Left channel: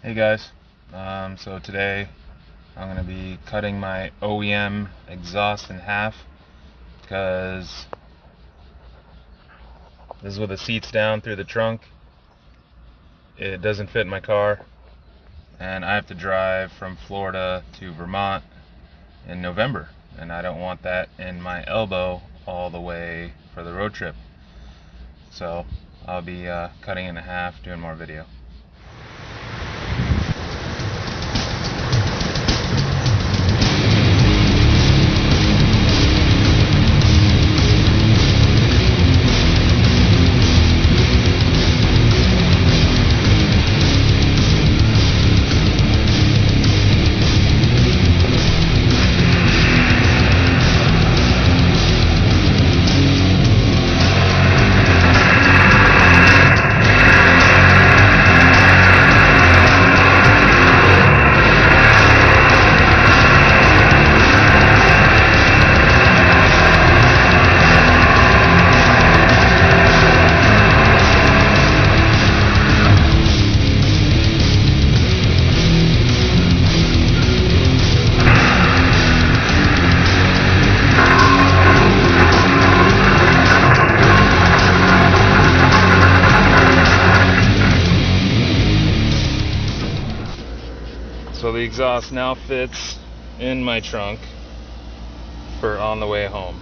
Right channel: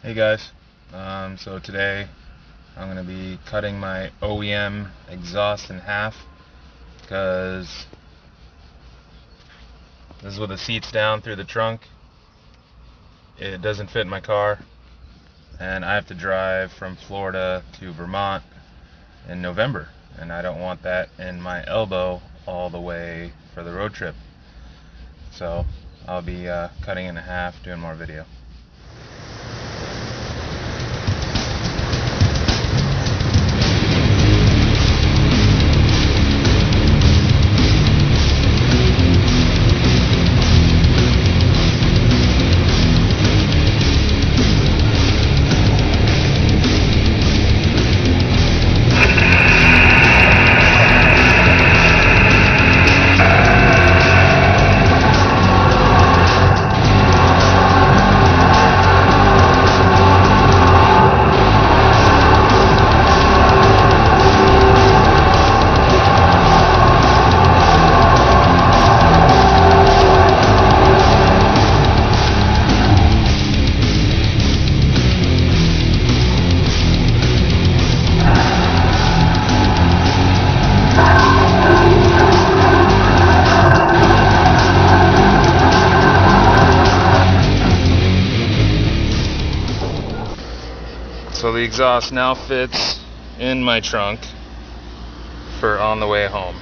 Hey guys, so today I'm going to be cutting my OEM exhaust in half because this is with the seats down through the trunk. It doesn't fit in my car and I have to drive from Florida to Vermont in November, and I don't want that in my elbow all the way for the road trip. So I'll be cutting it in half, doing more video. So the exhaust now fits in my trunk for on the way home.